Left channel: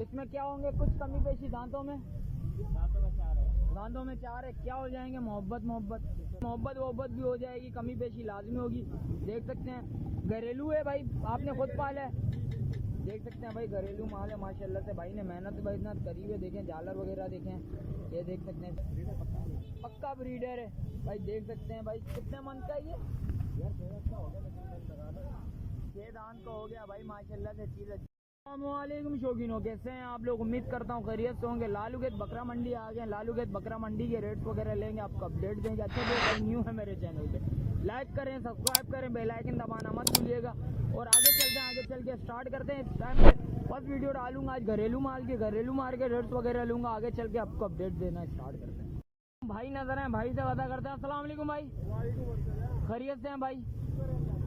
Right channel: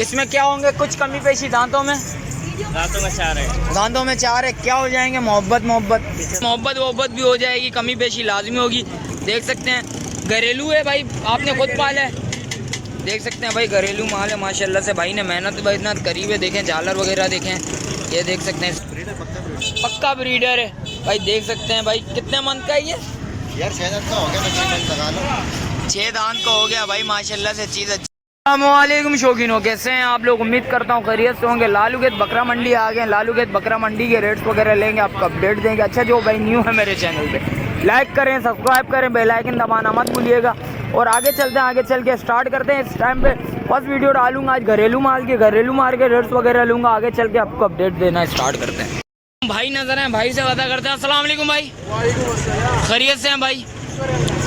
इसमें क्या होंगे कुछ कमी पेशी दांतों में? दांतों में 4 है। दांतों में 4 है। क्या हो जाएंगे? मोहब्बत भी हो जाएगी, कमी पेशी लाजमी होगी। देख सकते हैं घरेलू है भाई, आपने खुद पाला है। देख सकते हैं भाई घरेलू माल है माशाल्लाह से। भाई ने मेहनत करी है। देखें झालर वगैरह देखें, ये देख सकते हैं पक्का ब्रीडर है भाई। देख सकते हैं भाई कितने मंथ का है ये? यार 6 दांत का हो गया, 6 दांत का हो गया भाई माशाल्लाह से। चीज़ अच्छी। अस्सलामुअलैकुम शौकीनों, कैसे हैं आप लोग? उम्मीद करता हूँ खैरियत से होंगे। लालूगेट बकरा मंडी आ गए। लालूगेट बकरा मंडी के रेट्स वगैरह लेंगे, आपको अपडेट देंगे। अच्छा जो भाई न्यू है मेरे चैनल पे, लाइक करें, सब्सक्राइब करें, बेल आइकन दबाना मत भूलिएगा। और आगे चलते हैं, आगे चल के स्टार्ट करते हैं। इस टाइम पे फर्स्ट वीडियो डालूंगा आज घरेलू माल के रेट्स वगैरह लूँगा। आगे चल के आपको अपडेट देना स्टार्ट करते हैं। भाई नजर है, भाई से पता करते हैं। अस्सलाम वालेकुम भाई, खैरियत से हैं भाई?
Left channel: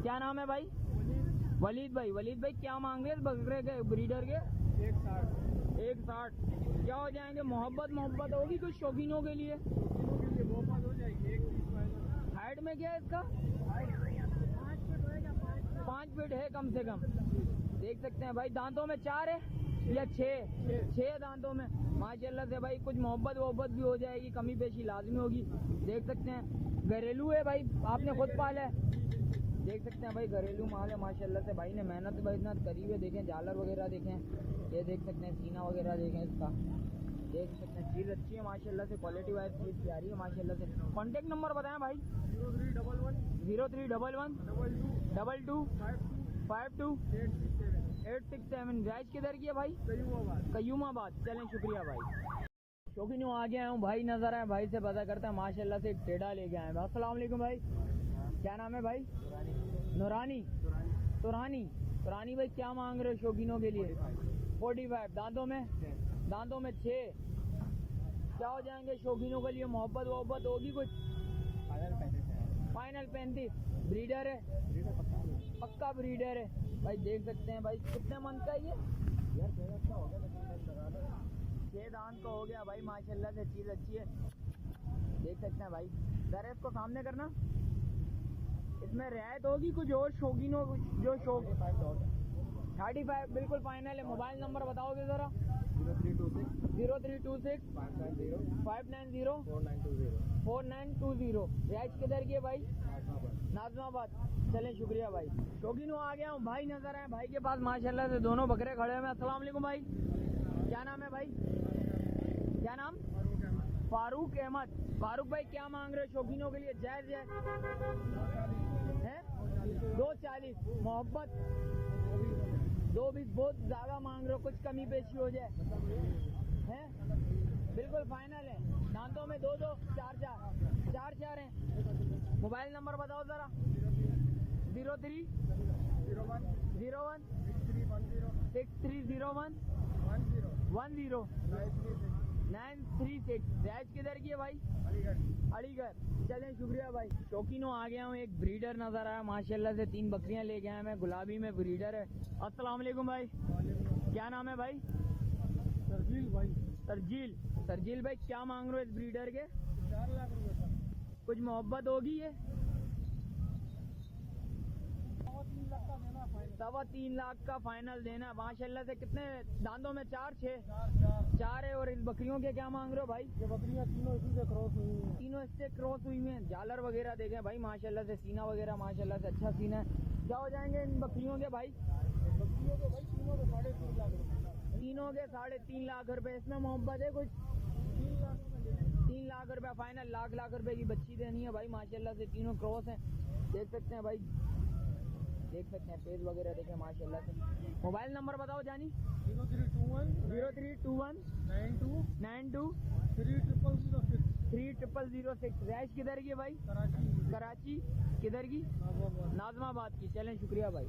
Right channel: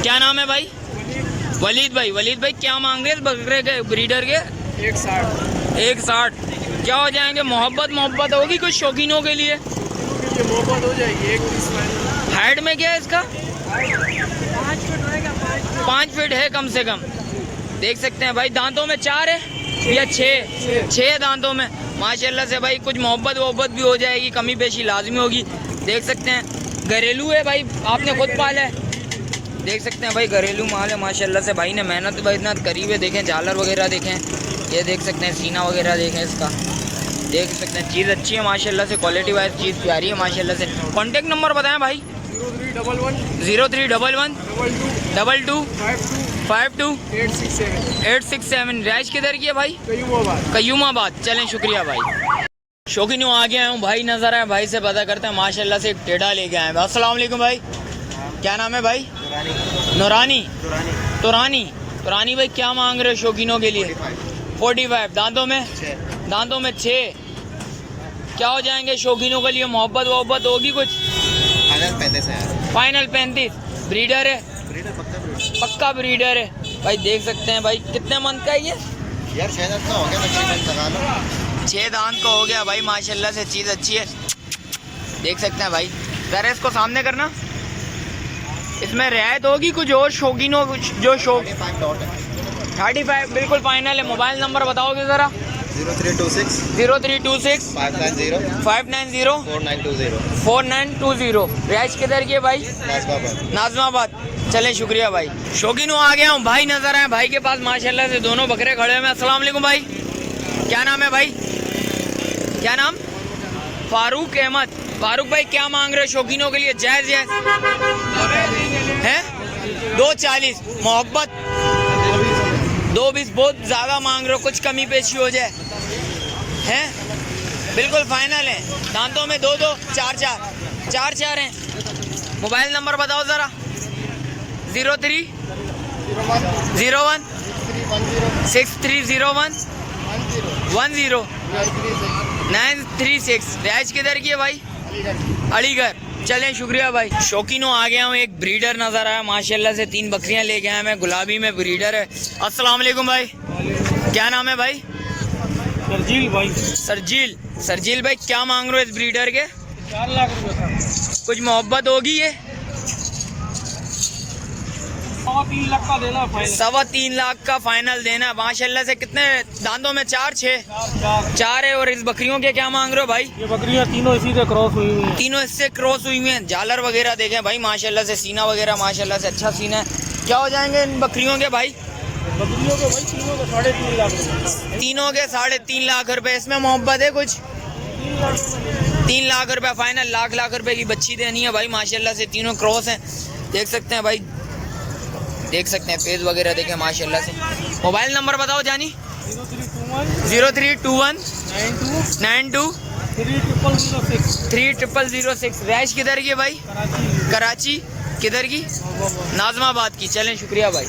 क्या नाम है भाई? वलीद भाई। वलीद भाई क्या मांग रहे हैं बकरे के ब्रीडर के? 160। क्या हो जाएंगे? मोहब्बत होगी कुछ शौकीनों के लिए? मोहब्बत हो जाएगी। हाइट में क्या है इसका? 5 फीट है कम से कम। देख सकते हैं भाई दांतों में 4 है या 6 दांतों में माशाल्लाह से भाई। कुछ मोहब्बत भी हो जाएगी, कमी पेशी लाजमी होगी। देख सकते हैं घरेलू है भाई, आपने खुद पाला है। देख सकते हैं भाई घरेलू माल है माशाल्लाह से। भाई ने मेहनत करी है। देखें झालर वगैरह देखें, ये देख सकते हैं सीना वगैरह देखें इसका। देख सकते हैं चीज़ अच्छी है माशाल्लाह से, क्वालिटी वाइज चीज़ प्यारी है माशाल्लाह से। कॉन्टेक्ट नंबर बताएं भाई। 0311 22 52 867। रैश किधर की है भाई? कयूमाबाद। चलें शुक्रिया भाई। शौकीनों आ गया हूँ भाई, नजर आए भाई से पता करते हैं माशाल्लाह से। एक टेढ़ा लेके आए। अस्सलाम वालेकुम भाई, क्या नाम है भाई? तुरानी भाई क्या मांग रहे हो शौकीनों के लिए? 45। दांतों में 6। क्या हो जाएंगे शौकीनों के लिए? मोहब्बत होगी कुछ? फाइनल 35। ब्रीडर है? पक्का ब्रीडर है भाई। देख सकते हैं भाई कितने मंथ का है ये? यार 6 दांत का हो गया, 6 दांत का हो गया भाई माशाल्लाह से। चीज़ अच्छी है। देख सकते हैं भाई, जरा इसको सामने करना। इसमें रियायत होगी कुछ और शौकीनों जो शौक? 35 बिल्कुल फाइनल है। मोबाइल नंबर बताओगे ज़रा? 0326 590 4920। रिहाइश किधर की है भाई? नाजमाबाद। चलें शुक्रिया भाई। शौकीनों आ गया हूँ भाई, नजर आए भाई के पास माशाल्लाह से। दोनों बकरे खड़े हैं। अस्सलाम वालेकुम भाई, क्या नाम है भाई? क्या नाम? फारूक अहमद। फारूक भाई क्या मांग रहे हो शौकीनों के लिए? जायज़ है 240। मोहब्बत 220 बहुत ज़्यादा मांग रहे हो, कुछ कमी पेशी हो जाए हैं? बिल्कुल फाइनल है। दांतों में 2 4 हैं। मोबाइल नंबर बताओ ज़रा। 0301 6301 936। रिहाइश किधर की है भाई? अलीगढ़। चलें शुक्रिया भाई। शौकीनों आ गया हूँ, एक ब्रीडर नज़र आया माशाल्लाह से। 3 बकरियाँ लेके आया मैं, गुलाबी में ब्रीडर है। अस्सलाम वालेकुम भाई, क्या नाम है भाई? सरजील भाई। सरजील भाई क्या मांग रहे हो इस ब्रीडर के? 4 लाख रुपए। कुछ मोहब्बत होगी ये? 3 लाख का देना फाइनल। 3.25 लाख का फाइनल देना माशाल्लाह से। कितने दांतों में? 4 है। और इस बकरियों के क्या मांग रहे हो भाई? ये बकरियां तीनों इसी से क्रॉस हुई हुई हैं। तीनों इससे क्रॉस हुई हुई हैं। झालर वगैरह देखें भाई माशाल्लाह से। सीना वगैरह माशाल्लाह से अच्छा सीना है। क्या हो जाएंगे इन बकरियों के भाई? बकरियों के भाई तीनों के 3.5 लाख रुपए। तीनों के 3.5 लाख रुपए। इसमें मोहब्बत है कुछ? 3 लाख रुपए फाइनल। लाख रुपए की बच्ची देनी है भाई माशाल्लाह से। तीनों क्रॉस हैं। देख सकते हैं भाई, देख सकते हैं पेज वगैरह देखें माशाल्लाह से। मोबाइल नंबर बताओ जानी। 0321 92 3006। रैश किधर की है भाई? कराची। किधर की? नाजमाबाद की। चलें शुक्रिया भाई।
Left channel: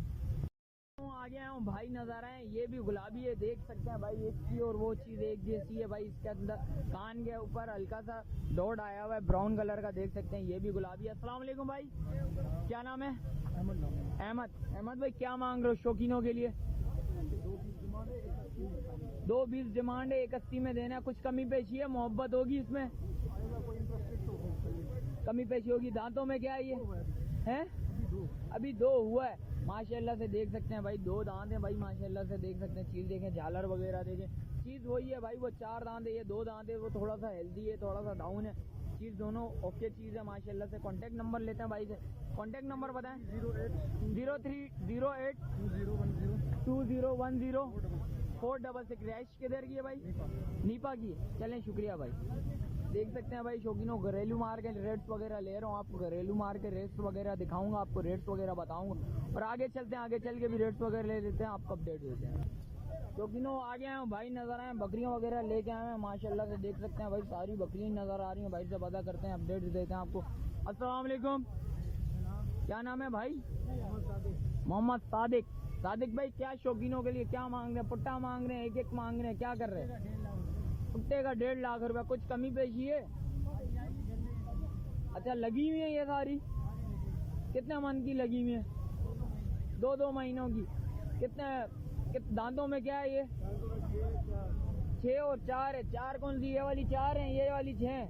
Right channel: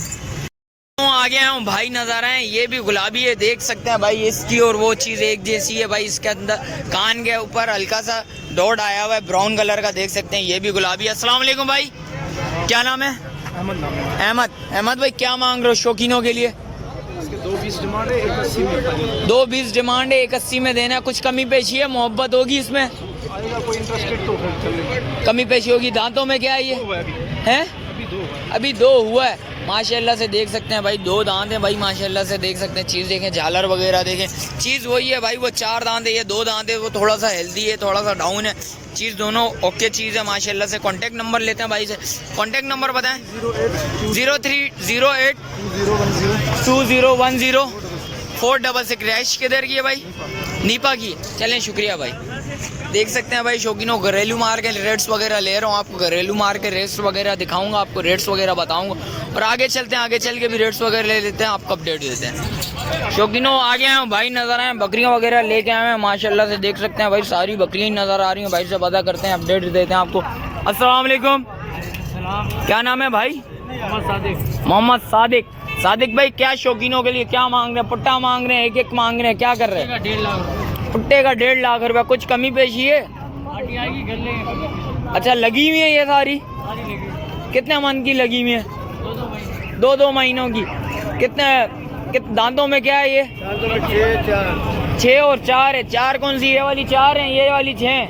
आ गया हूँ भाई, नज़र आए ये भी गुलाबी है। देख सकते हैं भाई इसकी और वो चीज़ एक जैसी है भाई। इसके अंदर कान के ऊपर हल्का सा डॉट आया हुआ है ब्राउन कलर का। देख सकते हैं ये भी गुलाबी है। अस्सलाम वालेकुम भाई, क्या नाम है? अहमद भाई क्या मांग रहे हो शौकीनों के लिए? 220 डिमांड है, 180 में। 220 डिमांड है, 180 में देना। कुछ कमी पेशी है? मोहब्बत होगी इसमें? कोई इंटरेस्टेड तो कमी पेशी होगी। दांतों में क्या है ये? है? अभी 2 हुआ है। माशाल्लाह से देख सकते हैं भाई, 2 दांत हैं भाई माशाल्लाह से देख सकते हैं। चीज़ देखें, झालर वगैरह देखें, चीज़ वही है भाई, वो 4 दांत है, ये 2 दांत है, वो थोड़ा सा हेल्दी है, थोड़ा सा डाउन है। चीज़ दोनों ओके चीज़ है माशाल्लाह से। कॉन्टैक्ट नंबर लेते हैं भाई से, कॉन्टैक्ट नंबर बताएं। 0308 2010 466। रैश किधर की है भाई? नीपा की। चलें शुक्रिया भाई। देख सकते हैं भाई शौकीनों, घरेलू मार के रेट्स वगैरह ले रहा हूँ आपको, घरेलू मार के रेट्स वगैरह दिखाऊंगा आपको, रेट्स वगैरह बताऊंगा और आगे चलते हैं, आगे चल के भी रेट्स वगैरह ले लेते हैं, आपको अपडेट देते हैं। शौकीनों आगे आए भाई, नज़र आए बकरियाँ वगैरह लेके आए हैं माशाल्लाह से देख सकते हैं भाई, सारी बकरियाँ नज़र आ रही हैं। भाई से पता करते हैं, अपडेट देते हैं आपको। अस्सलाम वालेकुम, क्या नाम है भाई? मोहम्मद सादिक। सादिक भाई क्या शौकीनों के लिए क्या मांग रहे हैं? पुट्टा मांग रहे हैं, एक मांग रहे हैं, क्या कर रहे हैं? 1.5 लाख। पुट्टे का 1.5 लाख रुपया। कुछ कमी पेशी है? अच्छा लगी हुई है ये सारी? कितने मन की लगी हुई है? 2 महीनों की। कितने दांतों में क्या है ये? 6 और 4 है। 4 कौन सी? ये वाली 4 है, ये वाली 6,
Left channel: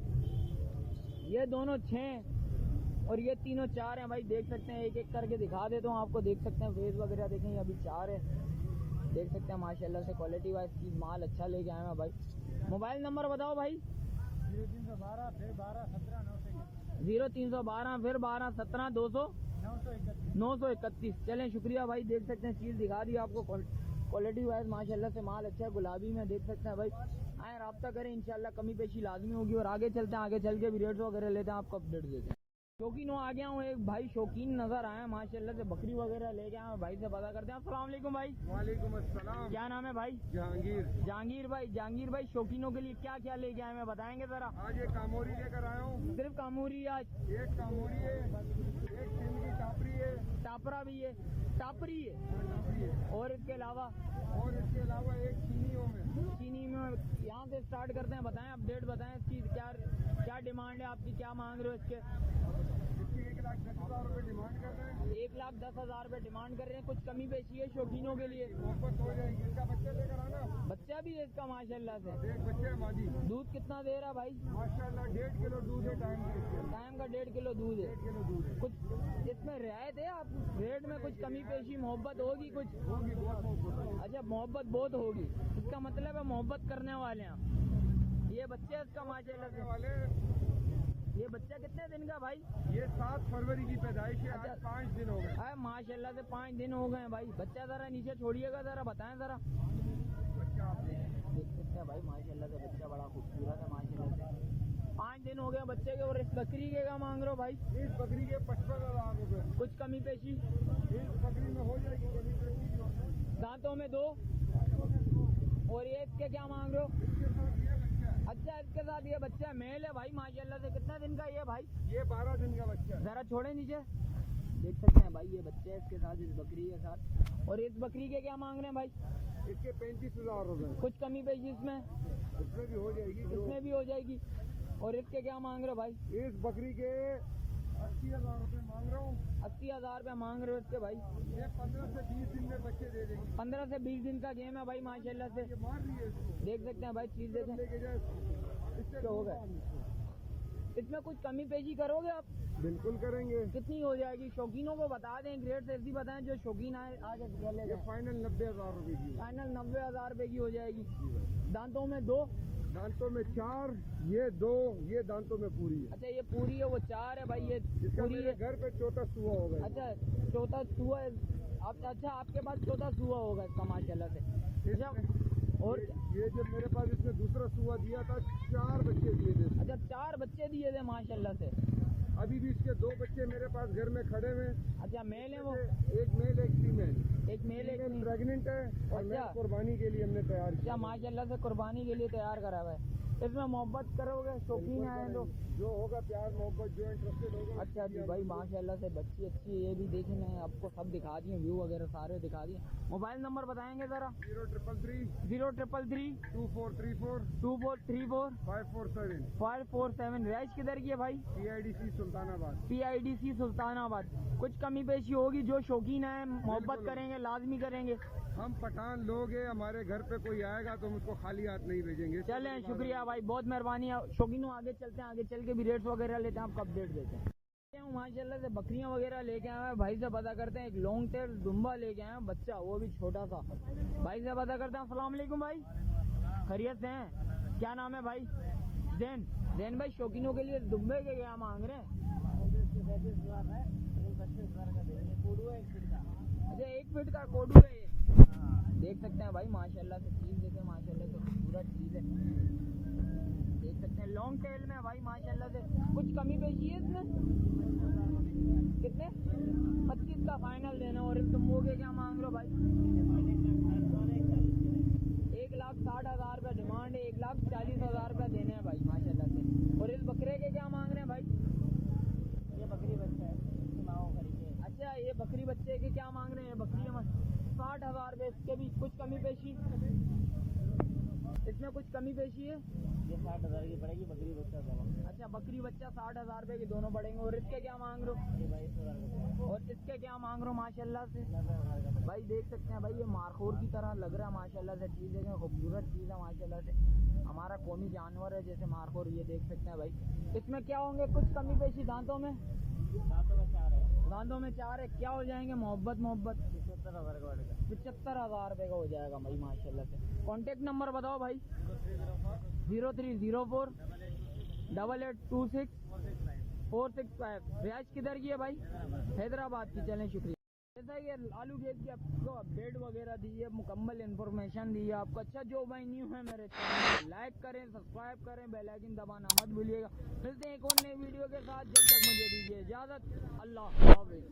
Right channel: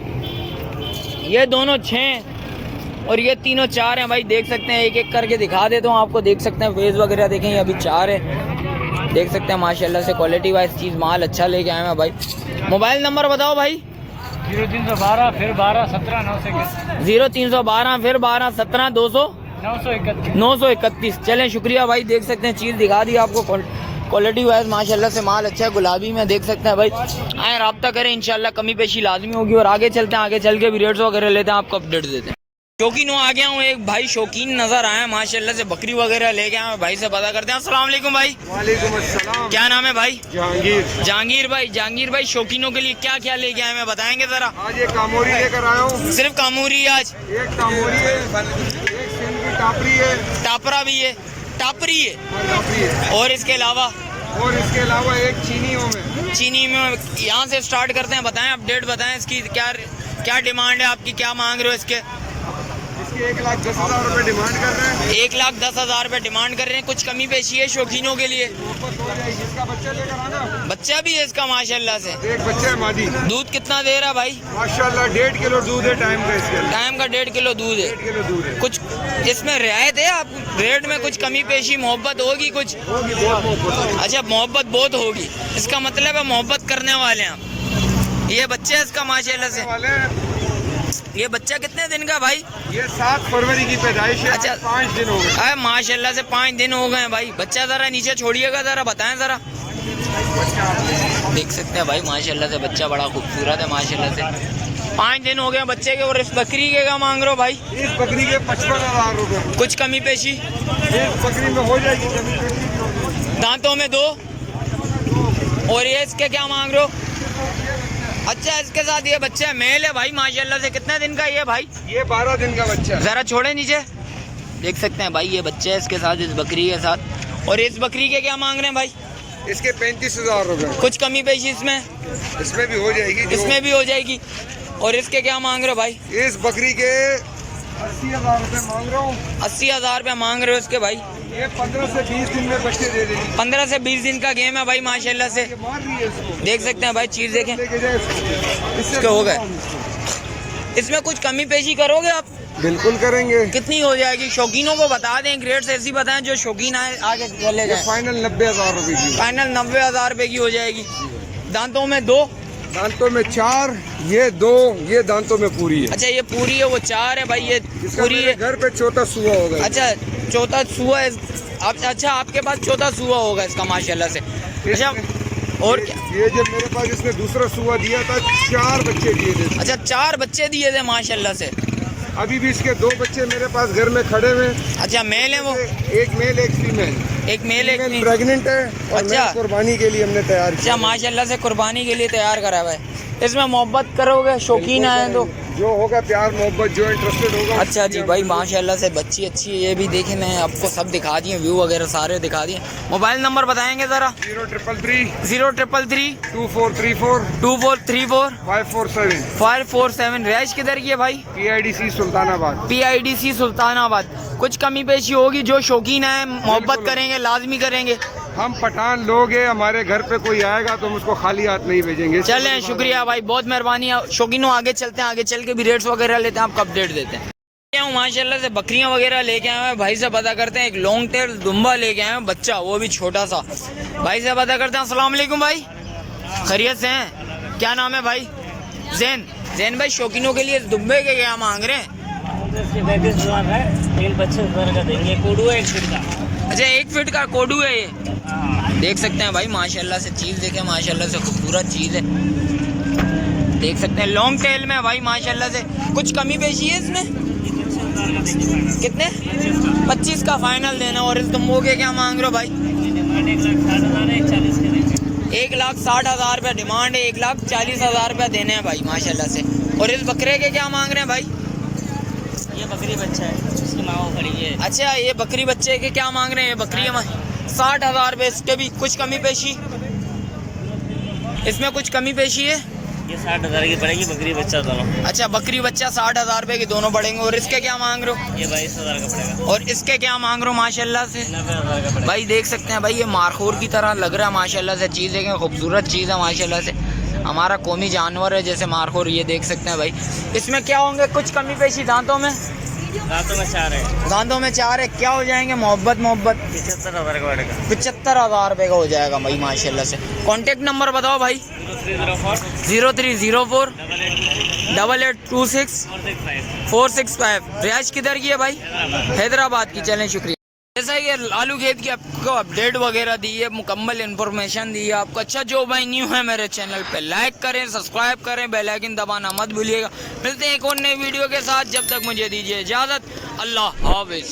ये दोनों 6 और ये तीनों 4 हैं भाई। देख सकते हैं, एक एक करके दिखा देता हूँ आपको। देख सकते हैं फेस वगैरह देखें, ये अभी 4 है। देख सकते हैं माशाल्लाह से क्वालिटी वाइज चीज़ माल अच्छा लेके आए हैं भाई। मोबाइल नंबर बताओ भाई। 0312 फिर 12 17 931। 0312 फिर 12 17 200 931। चलें शुक्रिया भाई। देख सकते हैं चीज़ दिखा दी आपको, क्वालिटी वाइज माशाल्लाह से माल अच्छा है। गुलाबी में देख सकते हैं भाई, आए रब्ता करें, इंशाल्लाह कमी पेशी लाजमी होगी। और आगे चलते हैं, आगे चल के भी रेट्स वगैरह लेते हैं, आपको अपडेट देते हैं। शौकीन आ गया हूँ, एक भाई शौकीन नजर आया माशाल्लाह से, बकरी वगैरह ले गया हूँ। भाई से पता करते हैं। अस्सलाम वालेकुम भाई। वालेकुम अस्सलाम। क्या नाम है भाई? जहांगीर। जहांगीर भाई। जहांगीर भाई शौकीनों के लिए क्या क्या लेके आए हैं बताएंगे जरा? आज एक कामोरी लेकर आया हूँ। सिर्फ कामूरी आज? एक कामोरी है, एक सिंध की टापरी है, टापरा भी है, टापरी है, टापरी है, और इसके अलावा इसके अलावा एक चीनियों में। चीनी में। यहाँ से स्टार्ट करते हैं, बताएं अपडेट बताएं इसकी क्या क्या डिमांड है आपकी, क्या मांग रहे हो इसके? इसकी 1,10,000 रुपये डिमांड कर रहे हैं। 1,10,000 रुपये डिमांड कर रहे हैं। कुछ कमी पेशी है शौकीनों के लिए? इसका बच्चा लेकर आना। बच्चा भी है इसका माशाल्लाह से? एक बच्चा है मादी। दूध कितना दे रहा है भाई? माशाल्लाह 1.5 किलो दूध है टाइम का इसके। टाइम का 1.5 किलो दूध है। 1.5 किलो दूध है। कुछ इसमें रियायत है आप रेट में? कुछ कमी पेशी मोहब्बत होगी कुछ? होगी, बहुत मोहब्बत होगी। अच्छा मोहब्बत बहुत होगी, इसका मतलब है मोहब्बत करने वाले हैं आप। ये बच्चा है इसका माशाल्लाह से? वाले हैं। ये बच्चा कितने दिन का भाई? ये 7 फरवरी की पैदाइश है। अच्छा। 5 दिन हो गए। अरे माशाल्लाह से 5 दिन हो गए हैं भाई। बच्चा जरा नीचे छोड़िएगा, जरा बताएं जरा। देख सकते हैं भाई माशाल्लाह से बच्चा बड़ा खूबसूरत है माशाल्लाह से। 5 दिन हो गए बच्चे के। और इस बकरी के क्या मांग रहे हो भाई? इस बकरी के 55,000 रुपये। कुछ कमी पेशी? इस बकरी में हो जाएगी कमी पेशी। दांतों में 2। और ये इसके क्या मांग रहे हो? अच्छा इसके साथ ये बच्चा मेल है भाई माशाल्लाह से। कितने दिन का ये भाई? ये 12 दिन का बच्चा है। जरा छोड़े नीचे। देख सकते हैं भाई ये बच्चा है इसके साथ, इस बकरी के साथ। और इस बकरी के क्या मांग रहे हैं भाई? इसके 35,000 रुपये। कुछ कमी पेशी इसमें? इसमें भी हो जाएगी। इसमें भी हो जाएगी। और इसके क्या मांग रहे हो भाई? इस बकरी के 80,000 रुपये मांग रहा हूँ। 80,000 रुपये मांग रहे हो इसके भाई? ये 15 से 20 दिन में बच्चे दे देगी। 15 से 20 दिन का गेम है भाई माशाल्लाह से। ये मार रही है इसको। देख सकते हैं भाई चीज़ देखें, लेके जाए इसको। इससे इसके हो गए। इसमें कुछ कमी पेशी करोगे आप? बिल्कुल करेंगे। कितनी हो जाएगी? शौकीनों को बता दें, ग्रेड्स ऐसी बताएं जो शौकीन आए आगे चले ये जाए। फाइनल 90,000 रुपये की। फाइनल 90,000 रुपये की हो जाएगी। दांतों में 2। दांतों में 4, ये 2, ये दांतों में पूरी है। अच्छा ये पूरी है, वो 4 है भाई, ये इसका पूरी मेरे है। घर पे चौथा सुआ होगा। अच्छा चौथा सुआ है। अच्छा आपके पास चौथा सुआ होगा इसका माशाल्लाह से। अच्छा और क्या? ये जब मेरे पास इसने दूसरा सुआ दिया था 4 बच्चे दिए थे। अच्छा 4 बच्चे दिए थे माशाल्लाह से। अभी भी इसके 2 बच्चे मेरे पास घर में खड़े हुए। अच्छा मेल है वो? एक मेल एक फीमेल। एक मेल एक फीमेल। प्रेग्नेंट है और अच्छा। मैं कुर्बानी के लिए हमने तैयार किया। अच्छा माशाल्लाह से कुर्बानी के लिए तैयार करा हुआ है। इसमें मोहब्बत करोगे शौकीन आए तो? जो होगा प्यार मोहब्बत, जो इंटरेस्टेड होगा। अच्छा जी भाई माशाल्लाह से बच्ची अच्छी है। ये भी देखे, मैं आपको सब दिखा दिए, व्यू वगैरह सारे दिखा दिए। मोबाइल नंबर बताएंगे ज़रा? 0333 0333 2434 2434 547। 547। रैश किधर की है भाई? PIDC सुल्तानाबाद। PIDC सुल्तानाबाद। कुछ कमी पेशी होगी, जो शौकीन है मोहब्बत करेंगे, लाजमी करेंगे। हम पठान लोग हैं, हमारे घर पे कोई आएगा तो हम उसको खाली हाथ नहीं भेजेंगे। चलें शुक्रिया भाई, बहुत मेहरबानी। शौकीनों आगे चलते हैं, आगे चल के भी रेट्स वगैरह लेते हैं, आपको अपडेट देते हैं। लेके आऊँ माशाल्लाह से बकरियां वगैरह लेके आए हैं। भाई से पता करते हैं, एक लॉन्ग टेल दुम्बा लेके आए हैं, बच्चा वो भी छोटा सा। भाई से पता करते हैं। अस्सलाम वालेकुम भाई, खैरियत से हैं? क्या नाम है भाई? जैन भाई, शौकीनों के लिए दुम्बे के क्या मांग रहे हैं? 35,000 है, लेकिन 25,000 का देंगे। कोडू है 1 फीट का। अच्छा, 1 फीट का कोडू है ये। देख सकते हैं भाई माशाल्लाह से, चीज़ देखें माशाल्लाह से, खूबसूरत चीज़ है। देख सकते हैं लॉन्ग टेल में भाई माशाल्लाह से। कुछ कमी पेशी है इसमें? कितने? 25 का फाइनल देना। और इस दुम्बो के क्या मांग रहे हो भाई? 1,60,000 रुपये डिमांड है, 1,40,000 रुपये देने हैं भाई माशाल्लाह से। और इस बकरे के क्या मांग रहे हैं भाई? ये बकरी बच्चा है, इसकी माँ वो खड़ी है। अच्छा, ये बकरी बच्चे के क्या मांग रहे हैं? ये बकरी 60,000 रुपये। इसके भी कुछ कमी पेशी? इसमें कुछ कमी पेशी है? ये 60,000 की पड़ेगी, बकरी बच्चा दोनों। अच्छा, बकरी बच्चा 60,000 रुपये की दोनों पड़ेंगे। और इसके क्या मांग रहे हो? ये 22,000 का पड़ेगा। और इसके क्या मांग रहे हो माशाल्लाह से? 90,000 का पड़ेगा। भाई देख सकते हैं भाई, ये मारखोर की तरह लग रहा है माशाल्लाह से। चीज़ देखें, खूबसूरत चीज़ है माशाल्लाह से। हमारा कौमी जानवर है जैसे मारखोर, ये देख सकते हैं भाई। इसमें क्या होंगे कुछ कमी पेशी? दांतों में? दांतों में 4 है। दांतों में 4 है। क्या हो जाएंगे? मोहब्बत 75,000 का पड़ेगा। 75,000 रुपये का हो जाएगा भाई माशाल्लाह से। कॉन्टेक्ट नंबर बताओ भाई। 0304 8826 465। रिहाइश किधर की है भाई? हैदराबाद की। चलें, शुक्रिया। जैसा कि लालू खेत की आपको अपडेट वगैरह दी है, मुकम्मल इन्फॉर्मेशन दी है आपको। अच्छा, जो भाई न्यू है मेरे चैनल पे, लाइक करें, सब्सक्राइब करें, बेल आइकन दबाना मत भूलिएगा। मिलते हैं एक और नई वीडियो के साथ, जब तक मुझे दीजिए इजाज़त। अल्लाह हाफिज़।